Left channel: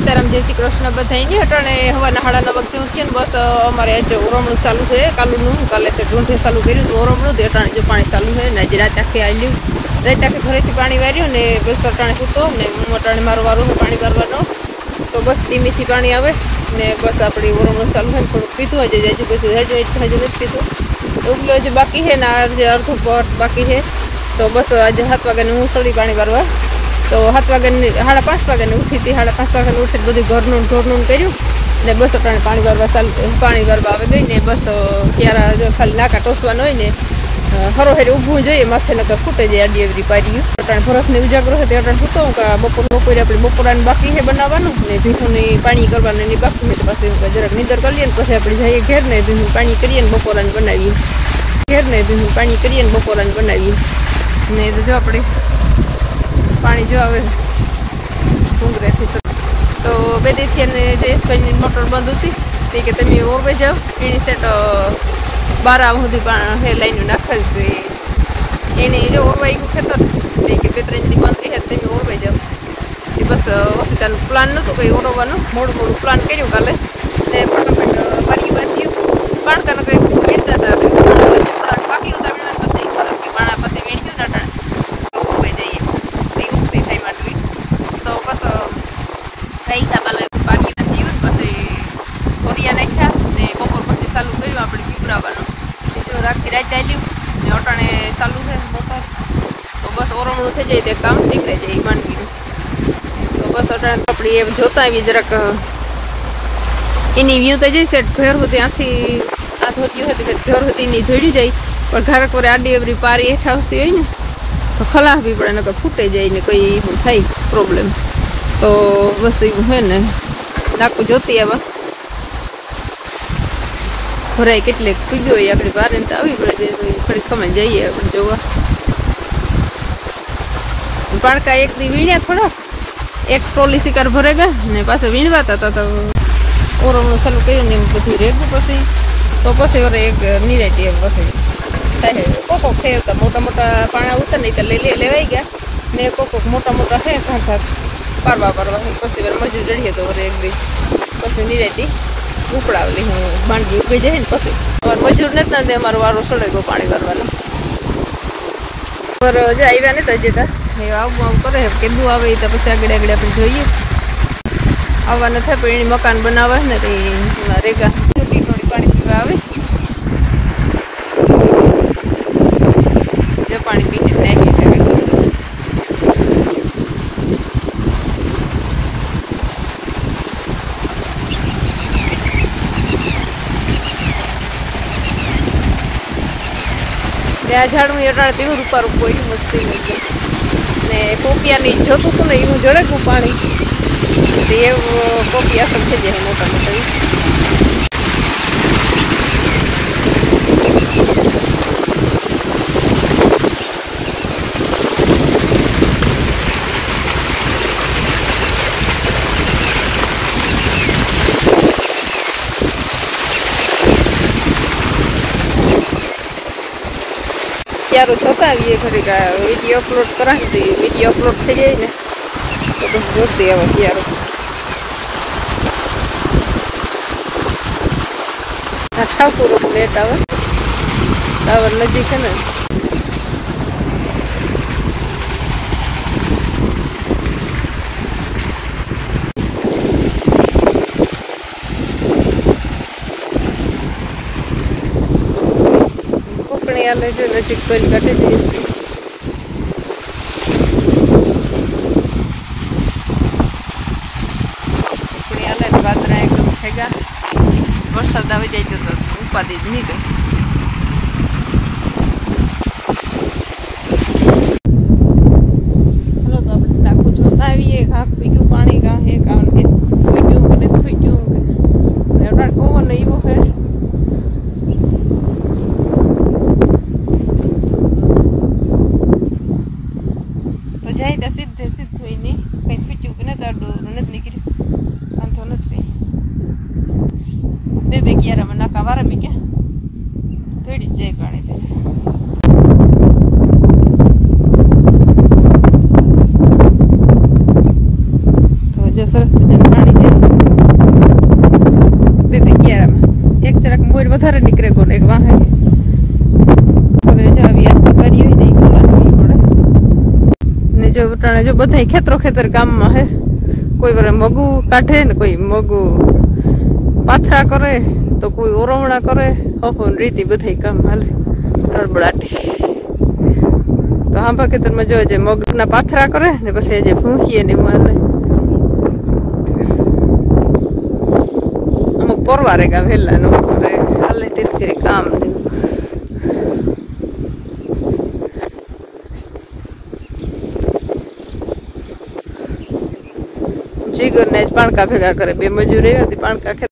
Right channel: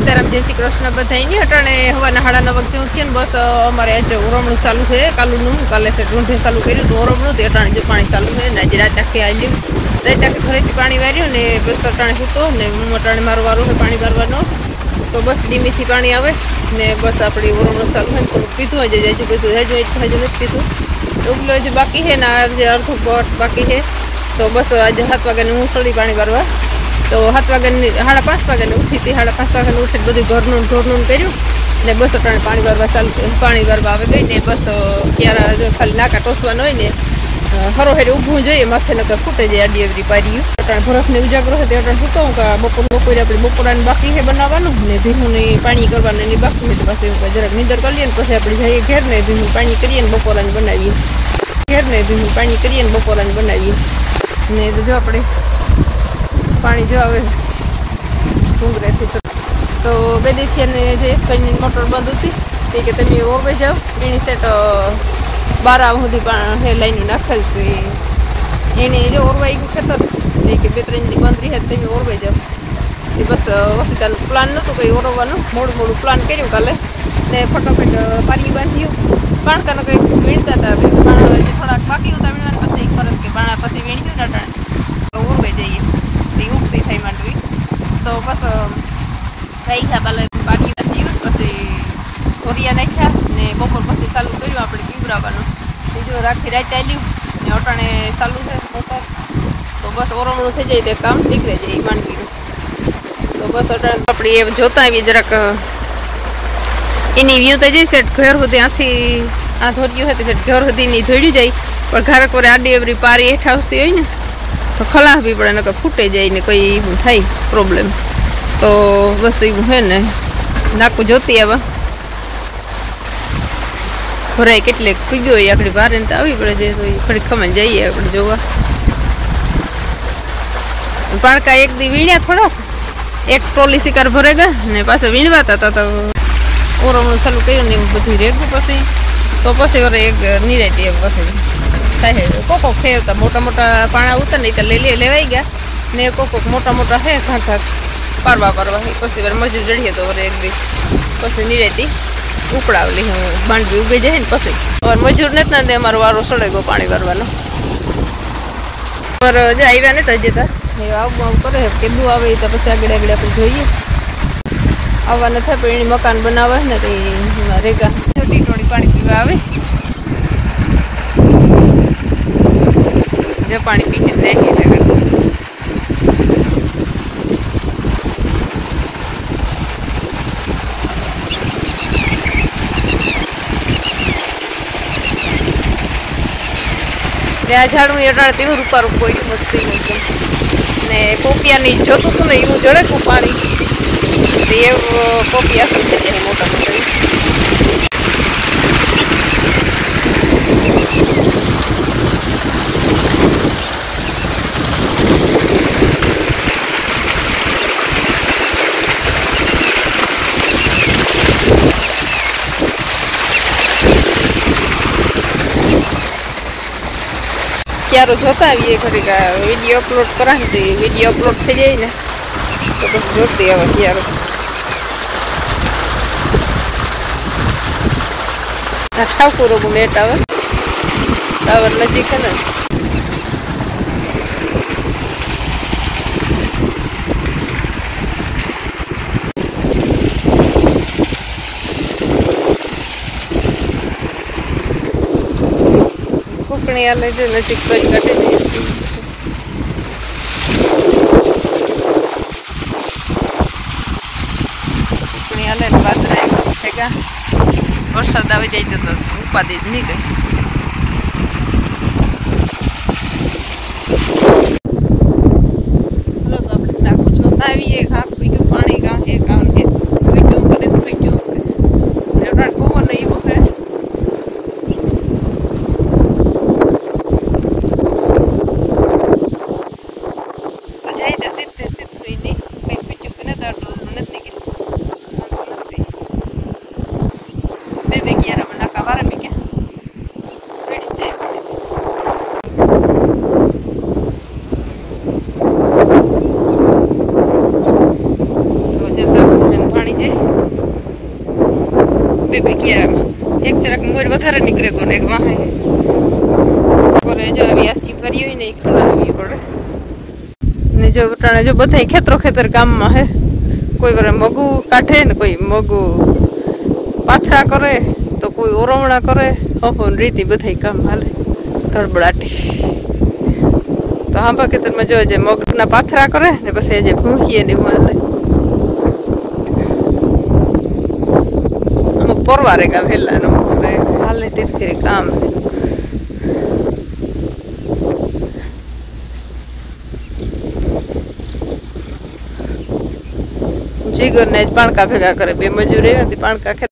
सीताराम जय श्री कृष्ण बधाई नहीं हटाने हवाना 9:30 वागे थी बस अमारे आज ओरमणु चालू है कालू काले से ढूंढे चालू करूँ तो ओरमणु तो अटाणे जो पानी चालू है ने रात आखे आई ल्यू रात आखे घरे थी पानी वार्यो ने बस अटाणे सूतो ने अटाणे मारो वारो है पानी भरवानो तो बस धीमी थी पानी आवे ने बस अपनी ओरमणु चालू है थोड़ा पीधु आज जाए पीधु हजू नहीं पीधु उगलो जो बाकी है ना अर्धो बट बाकी है तो बस आज 7 वागे हूँ थोड़ी पानी भरवा तो 7 वागे 5:30 वागे उठी थी 5:30 वागे उठी बधु घरનું ઢોરનું કર્યું ને બસ અટાણે પાણી ભરવા ચાલુ પાણી ભરવા આવે દઈ ને બસ ક્યારે ખાલી નાકા ટોસવાનું હોય ને હરો હેરે ઊભું જોઈએ માથે નકર ફૂટે જાય આડી એવરી પાર્યું અટાણે ભરતને ઉજાગરો છે તે અટાણે સૂતો બપોરે આપણે બપોરાને બાકી છે બનાવવાનું ને ભીહુંની પાણી કરવાનું એની બાકી છે તો પાછું જરાક નીંદર કરી લઈએ ને પછી આપણે જઈએ ઘેર ને ભીહું પાણી કરીએ ને બપોરાને બનાવીએ ઘેર ને ભીહું પાણી કરીએ ને બપોરાને બનાવીએ ને જો આપણે पानी जो आवे डूंगरे थी तो बे दी थी ने जयेश भाई मोटर बंद थी तो कि तमे ओरवे जाओ एनी सेट 12 सुधी है लाइन नाखेल थी एने जो ओरवाई गયું खेतर तो कि 2-3 दी बंद है तमे ओरवे जाओ ये बस वसीतान प्लान नतो कोई ओरवવાનો મોડું પ્લાન કર્યું કાલે ને ફટાફટ પારી બાંધ્યું બાણકાનો કઈ વીણતા હતા થોડા બાકી હતા વીણવાના પછી ખરક કે બાણા પછી વીણ્યું ને અટાણે ઓરવે જઈએ उगती थी मांडवी तो बस कई साल पानी पी ओरिया नाख्या ने बपोर पी चालू कर अपने पीवरावा बीजू राखी रात चालू ने अटाणे चालू है मोटर तो बस ओरमणु थी जाए तो काम नीकळे जाए मांडवी तो बस अटाणे अपनी जोता आवी जराक एनी व्यू तो जई सेट घर होती आथी आ धोरियो है तो घर होती नहीं धोड़ी जाए पर घर को आडी एवरी पारी हेठा आवती होय ने तो खला भी पड़े नकर फूटे जाए ने कोई थाय प्रॉब्लम तो बस है ने नाकू जोती आवा भराई केटले पीग्यो होय आकड़ी बार ने आवी पड़े जे तो खड़ी खमन जाइए आपण जोवा पाणका एक दी वीण्या थोड़ा एक ट्रोली शिकार भरेगा ने पासे वीणवाता था तो ओरमणु चालू कर्યું ने बधुं रेगुं पछी तो पछी वरे एक निराती पछी कोको खेवता मोटा मोटा पाणा उतर नहीं तो लेवाई गया ने कोको मोटा मोटा है घाघा पारवा है पछी वर मजूर जड़िए तो एक दी पछी नहीं रहती उकड़ावली हूँ मांडवी उगे जाए ने पछी और मजूर ने ना दे अमारो वारो सड़े गो पानी भरवानो और जे आव्या ने तो जता ए आव करे केबू आवे तो पछी आगळे आगळे आपण જોઈએ આવવા ન થાય પણ મકાન બનાવવા ને તે રેગા છોટી ટોળી પાણી પીવા આવે जो पानी पीने नहीं है झाड़ू एटाड़ती हूँ रूपा रूप कोई मस्ती नहीं ने पोपिया नहीं जोतु तो नहीं हूँ जड़े को पानी ये पोपिया सब थे जाए मोटा मोटा क्यारो जोता आवीए घड़ी का वीडियो अपलोड करा वीडियो अपलोड थी जाए ने तो बस जोती आवे क्यारो आ ठाकुर को लेट आवे टावर नजीक है ना आले जो नजीक पर काटे दी अपनी आले बाद रे एकदम थेगा वरसाद आवे जाय तो उपादी नहीं दे हेलो तो આપણે નાખું જોતા આવીએ ઘાક પીયું પાણી કા હે કામ કે પીયું કે એવડા પવન એવો છે पानी જરાક મોર વધારે નીકળે કોને એક વાહે કરે જો વ્યાસી કરી હોય ને ખલાવી પડે ને જો વટાણે જો બધા ખેતરો ખેતર ગામમાં હે કોઈ વાર મગું કાઢે ને કોઈ મગું પાથરા કરે તો કોઈ ઓરવણા કરે હફોન રીતિ બધા કામ હાલે ગડબડાટી તો હાંભા ખેતરમાં જો જે મગના પાથરા કરે ને પછી જે ભૂંહીએ ને હાલે અમુક પરવારે ગા વહેલા નો હાલે તીરથી કામ જીગર ને પાણકા ભેગા કરે બે મજૂરી હતી પાણકા ખેત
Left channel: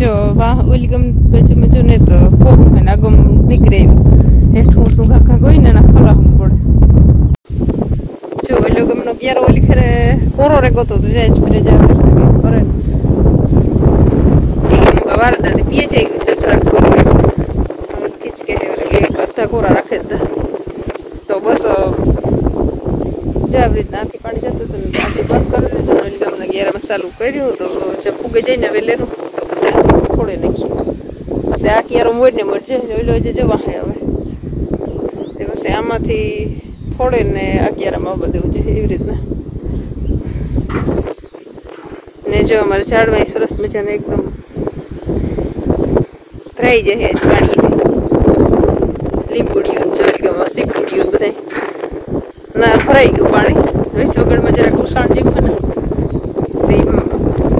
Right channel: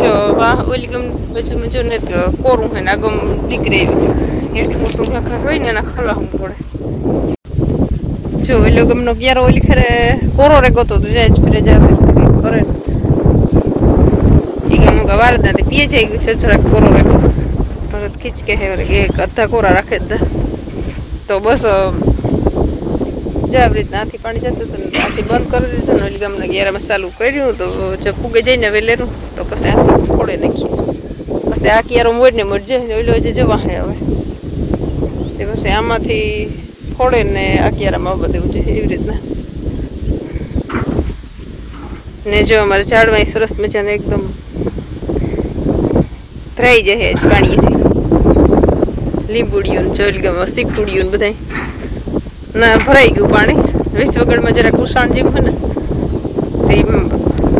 જો વાહ ઓલી ગમ બાજુમાં જો ને તો કોરું હે ને આગમ નીકળે હેઠું શું ઘા હોય ને એના ખલાવું પડે જો ઓલો ગમનો ક્યારો ઓલી ખરે કોરો રે ગોતો તો જાય ફરે જાય કરે વારદા પીએ છે છોછરાટ કોરો રે ખીચ કે હે એક અડધા કોરા રાખે તો બસ જાવ રીતનાથી પાણી જતું હતું ને ત્યાંથી બંધ કરી દીધું ને ઓલી ગામના ગેરામાં ચાલુ કર્યું તો જે ફૂગે જઈને વેલેરું તો પછી આથી ફોડે નાખ્યું પછી આ કિયારો મોડ ને મોડ જાય ઓલો જે જવા હે હવે તે પછી આમાંથી ફોડે ને આ કિયારામાં બધું છે એવી રીતના ને જો અમારે ઝાડમાં સરસ મજાને એકદમ ધરાઈ જાય પાણી લીંબુડીઓ ચોરી ગમાં સીકુડીઓ બધા ના ભરાઈ ગયું પાણી વિશ્વગઢમાં જરાક ઉષાણ જેવું હોય ને તે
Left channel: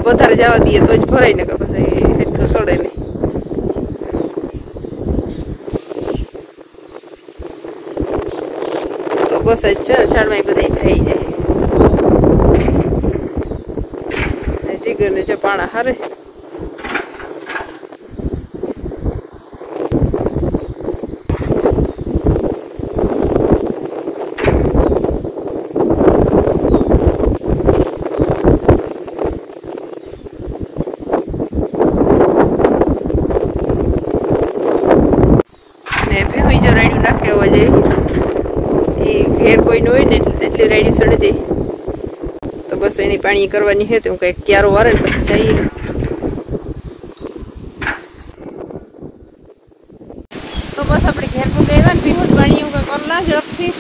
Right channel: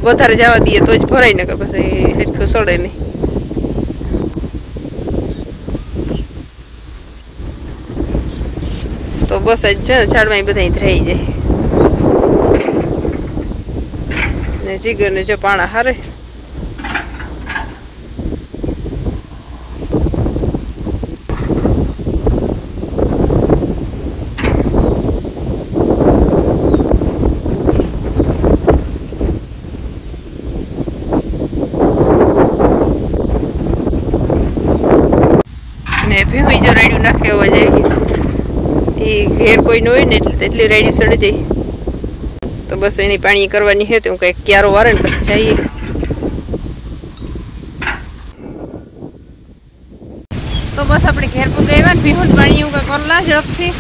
વધારે જવા દઈએ તો જ ભરાઈ નકર પછી હેઠું સડે નહીં તો બસ જ છે ઝાડમાં બધા ધરાઈ જાય ને જીગર ને જો પાણા હારે ભીહું જો રાડ્યું નાખે અવાજ આવી એ ઘેર કોઈ ન હોય ને એટલે તેટલી રાડી સડે જાય તો બસ એની પાણી કરવાની છે તો હું કંઈક ક્યારો વારે ને પછી જઈએ તો બસ આપણે ઘેર પૂગે આવ્યા ને ભીહું પાણી એવું કંઈ કરલા ઝડપથી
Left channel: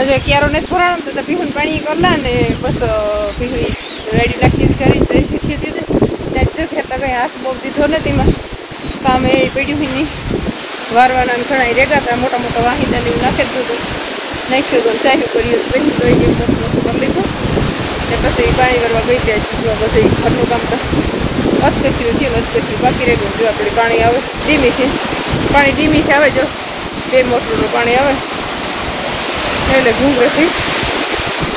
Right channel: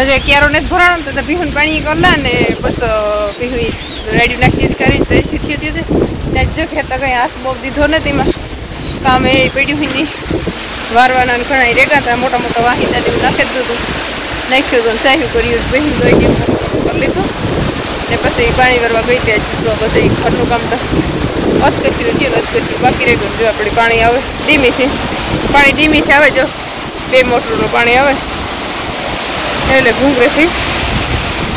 હજે ક્યારો ને ભરાણું તો ભીહું પાણી કરલા ને બસ ભીહું રાડ્યું નાખી કરીને તો એથી થયું ત્યાં જો ખેતા કંઈ હાથ બહુ દીધો ને તેમાં કામ એ પડ્યું હોય નહીં વારવાના ઘણા રેગા હતા મોટા મોટા વાહિદા એવું નાખી દીધું નાખ્યું હતું ચાહ્યું કર્યું બહેન દોઈ ગયું મોટું મોટું કરી લીધું ને પછી પાણી વારવા ગઈ ત્યાં બધું ઘરનું કામ તો અધકચરું થયું ને અધકચરું બાકી રહી ગયું જો આપણે પાણી આવે ધીમીથી પાણી ધીમીથી આવે જો 2 મોટરનું પાણી આવે એટલે ઘૂંઘરેથી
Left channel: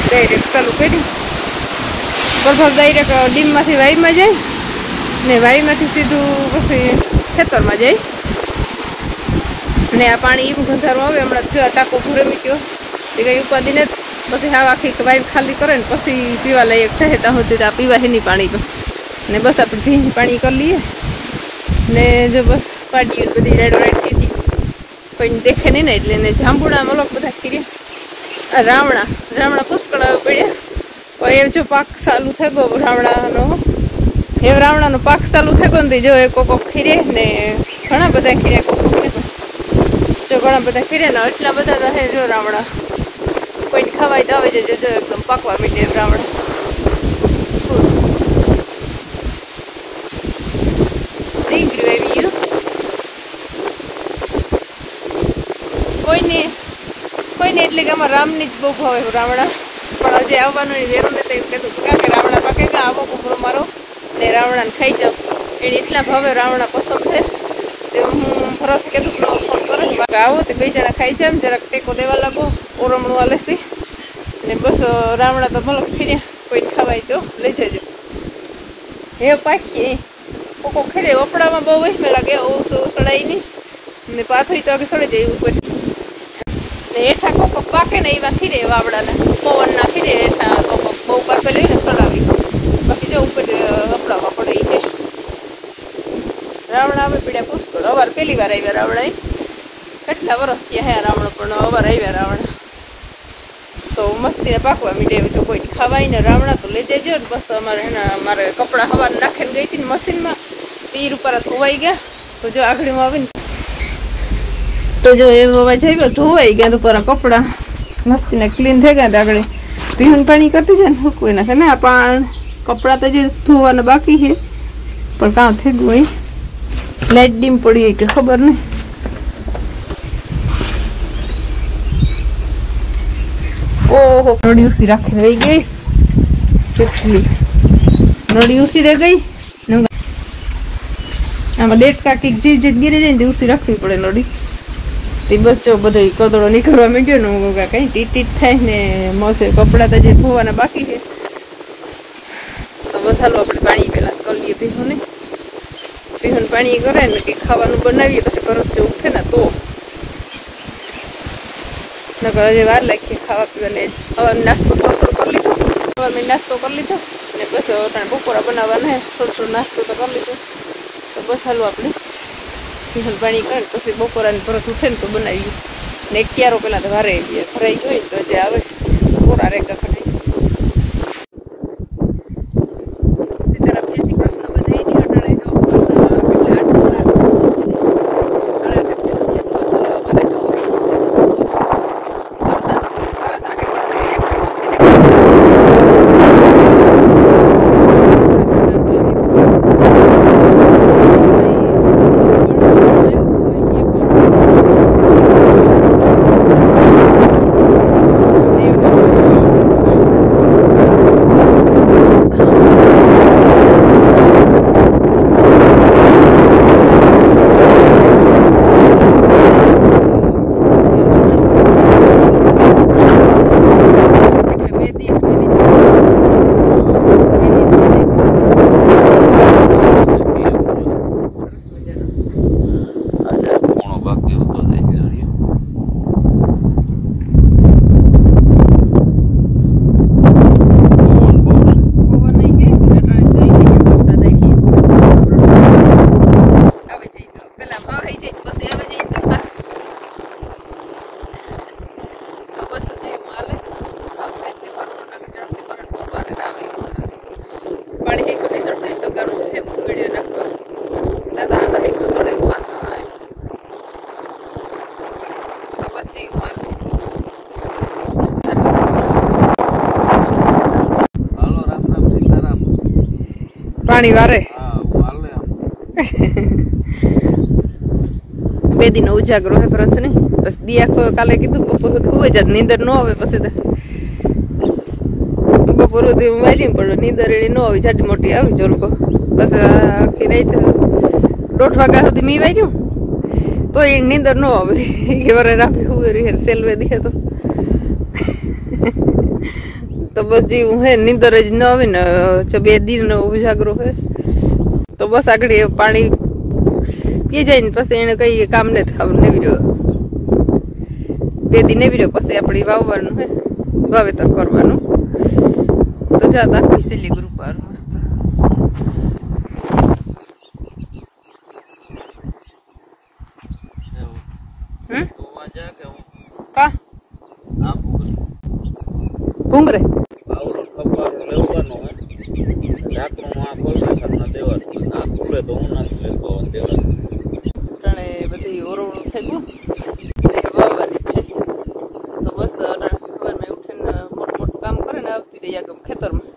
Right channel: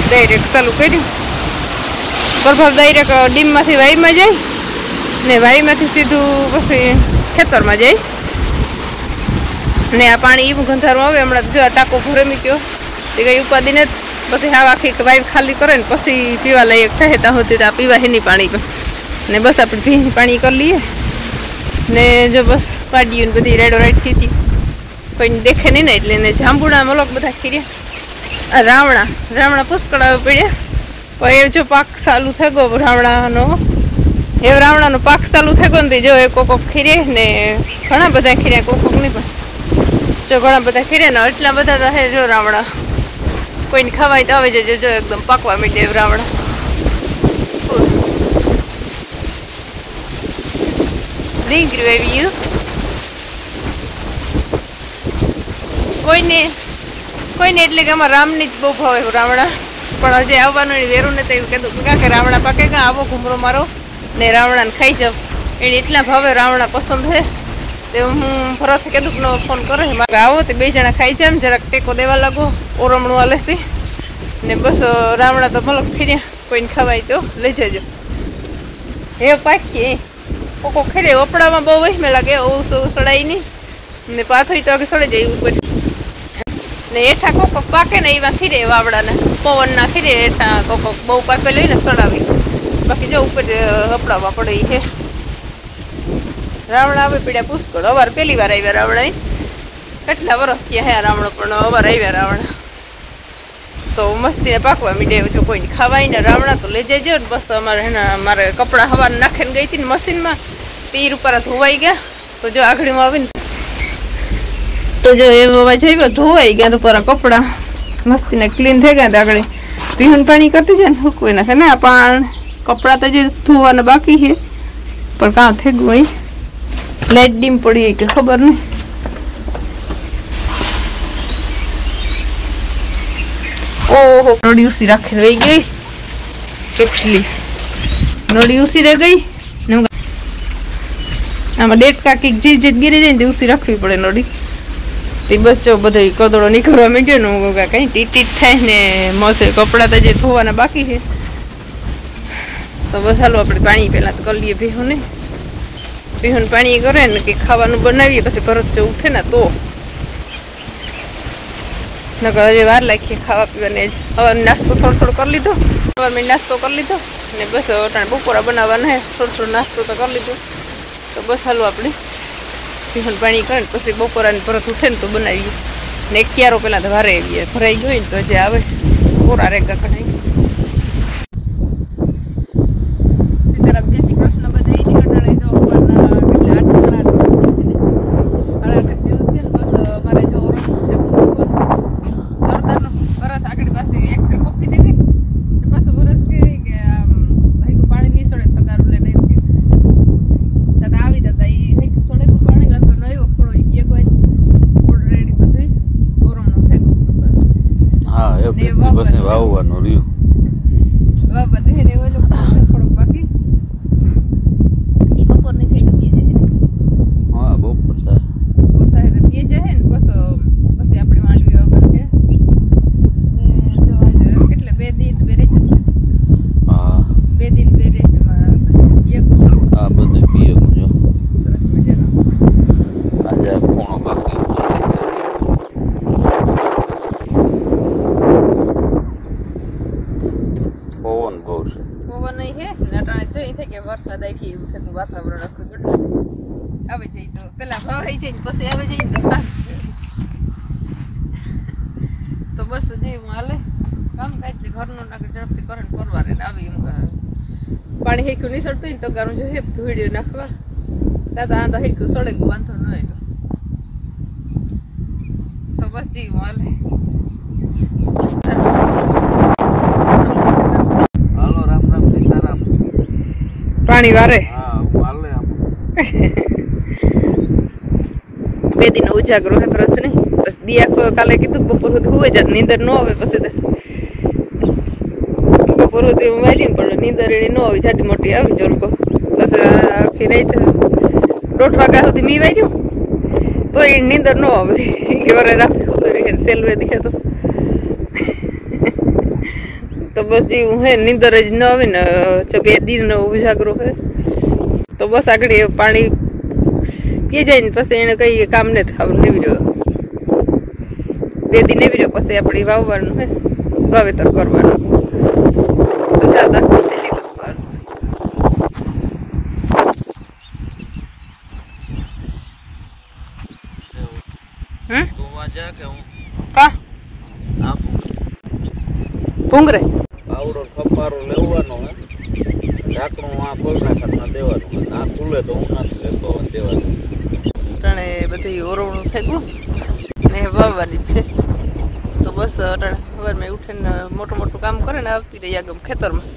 ડાયરેક્ટ ચાલુ કર્યું બરફર ડાયરેક્ટ ડીમમાંથી વાઈમાં જાય ને વાઈમાંથી સીધું પછી ખેતરમાં જાય ને આ પાણી એવું ગંધારું આવે હમણાં જો ટાંકો ભરે મૂક્યો તે કંઈ ઉપાધિ ને પછી આ આખી વાઈફ ખાલી કરે ને પછી પીવા લાયક થાય ત્યાં સુધી તો આ પીવા હેની પાણી ને બસ આપણે ભીની પાણી કરી લઈએ ને જો બસ પાડીએ ને બધી રાડો રાડ કીધી કોઈને દેખે નહીં ને એટલે એને જાંબુડા મલોક બધા ખીર્યા આ રાવણા પુષ્કળ આવે પડ્યા પણ એ જો પાક ચાલુ થઈ ગયો રાવણાનો એ રાવણાનો પાક ચાલુ થઈ ગયો ને જો એ કોક ખીરે ને ઘણા બધા ખીર્યા કોક નહીં પણ જો ઘણા બધા ખીર્યા ને એટલા બધા રહે જો રાવણા કોઈને ખવાય તો આવે છે જો એકદમ પાકવા માંડે રાવણા રીંગણું આવી ગયું કોઈને એટલે કે આમાં રામની જ બહુ ભાવે રાવણા પણ હજી આવવાનું વેરું ને તો એવું કીધું કે રાવણા પાકે કે આવો કુમરો મારો ને રાવણાને ખાઈ જાવ એને એટલા ભાવે રાવણા પસંદ છે તે હું ભરત કીધું કે ફોન કરે આવો તો 2 જણા ખાઈ જાય જરાક ટેકો દેવા લાગો ઓરમણું હાલેથી ને બસ રાવણા તો મલક ખીર્યા કોઈને ખવાય તો લઈ જજો હે પાછી કોકો ખેરે વપડામાં બહુ વહેમે લાગે ઓછું સડાય નહીં ને પાથરી તો આગળ સડે જાય ઉપર ને હેઠા કોકો પાકે ને એવા ખીરે વાવડાના પવન ના ખીરે હેઠા કોકો બહુ પાકે લઈને સડાવી બાકી જો ઉપર વપડાવવા પડે એ રાવણા આવે પીડ્યા પુષ્કળ અવાર પહેલી વાર આવ્યા રાવણા કેટલા વર્ષ થયા હે રાવણો પણ અવાર આવ્યા રાવણા તો મસ્તી પાકવા મીડે જો કોઈ ખાવાય ને રાવણા તો લઈ જજો ને બસ અમારે મારે કપડા હવાર નાખીને ગઈ હતી ને મશીનમાં તીર ઉપર ધોવાઈ ગયા તો જો આઘડીમાં આવીને તો જો એમાં જઈ ધોવાઈ ગયા ઉપર કપડા મસ્તીને ક્લીન થઈ ગયા આગળ પીવાનું પાણી કરતી જાય ને કોઈ નાખે ને પણ કપડા તો જે ધોવાના બાકી છે પણ કામ થઈ ગયું હોય લાઈટ ડીમ પડી કે ખબર નહીં ઓહો નોડી ઉસી રાખીને વહી ગઈ કેટલી નોડી ઉસી રહી ગઈ આમાં ડેટકા કઈક જે ગીરી જાય ને ઉસી રાખવી પડે નોડી તે બસ જો બધો કદડો નીકળવા માંડ્યો ને હું કઈ ટીટ થાય ને મસે કપડા તો જે ધોવાના બાકી છે તો બસ હાલો આપણે પાણી પહેલા તો કરી લઈએ પીહું પાણી કરે ને કે ખાવાનું બનાવીએ પછી પરત ઉઠે ને તો નકર હજી વાર લાગીએ ખાવા પીવાને જ હવે નાસ્તો થોડો કરી લીધો હવે મેં નાસ્તો કરી લીધો ને બસ અટાણે બપોરા બનાવવાના થોડો નાસ્તો તો કરી લીધો તો બસ હાલો આપણે પીહું પાણી કરે ને પછી બપોરાને પરત ઉઠે ને તો બનાવીએ ને એક ક્યારો પેલા તો વારે આવીએ ભરાઈ ગયો ને તો જે આવે કોરા રેગા કઢાઈ પાણી હેઠું નહીં સડતું તો કરું છું હેઠું વિડીયો નાખવા દાદા આ તો હેઠું સડે તો બસ જઈ મારે હાલો રામ રામ સીતારામ પાણી વારે બે દિન ઉજાગરો હે પરત ને બસ દિયા કાલે કીધું બપોર સુધી હોય જ નીંદર ન આવે પછી બપોર સુધી હું વાગી પણ નીંદર એની ન આવી જાડી મોટી આવી જોરકો બસ આખી રાત 1:30 વાગ્યા સુધી મી વાગ્યું તો એ નીંદર ન આવે કે વરે રાખી હુઈ રહી સેલવે દીખે તો બસ જી હું હે નીંદર જ ન આવે ને જો બે દિન ઉજાગરો હે તો બસ આગળ પાણી પી જાય ને પછી એને કઈ કામ ને ખાવું નેવી રહ્યો બે દિન નેવી રહ્યો પછી આપણે વાવવાનું હે વાવેતર કરવાનું તો જાતા ખુશી લીધું બાર મસ્ત તો વાજા કે હું કા ભૂંગરે આવડો ખપારો લેવાનો હે ઢાકણું આ ખોલના કરતા દેવાનું આ ખુલે તો હું નથી લેતો દેવાનું અટાણે બધી ઓરવણું થઈ ગયું ને વાવવાની છે તો બસ અટાણે સવારમાં ઉઠીને મોટું કામ કરે ને આવતી રહી આગમ ખેતરમાં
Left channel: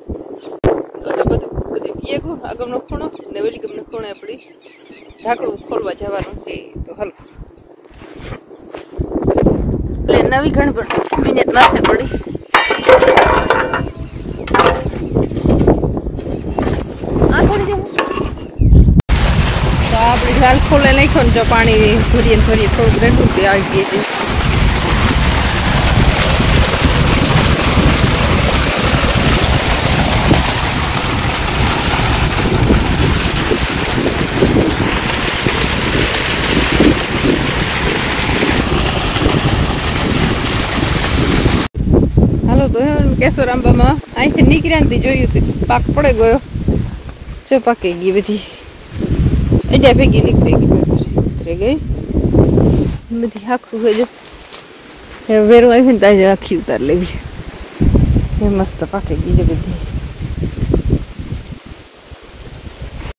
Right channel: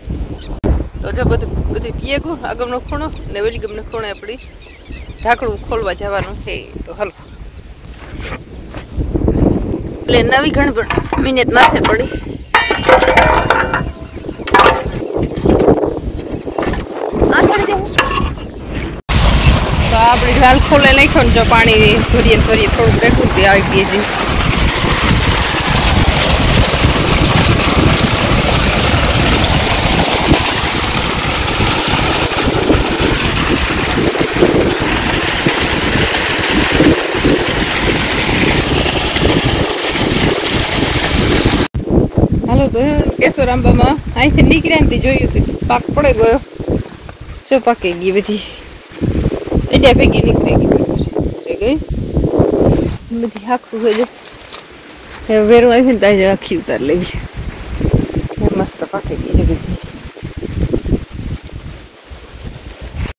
તો જો બધું પીએ ગયું આગમનો ખૂણો ને વેલી ગમને ખૂણે આપણી ઢાંકણું ખોલવા જવાનું છે તો હાલ એટલે નવી ઘણી મિનિટ માથે પડી તો આપણે જાલ ખોલે નાખ્યો ને જો પાણી ભરીએ થોડુંક ભેગું તે આવી ગઈ છે હાલો તો કેશોર આંબામાં અહીંથી નીકળ્યા ને જોયું હતું પાક પડે ગયો જો પાકી ગઈ બધી એડિયા ભેગી નીકળી ગઈ बधी हाकसू है जो वेरू आई ताजे आखी उतार लेवी मस्त पाकेगी बधी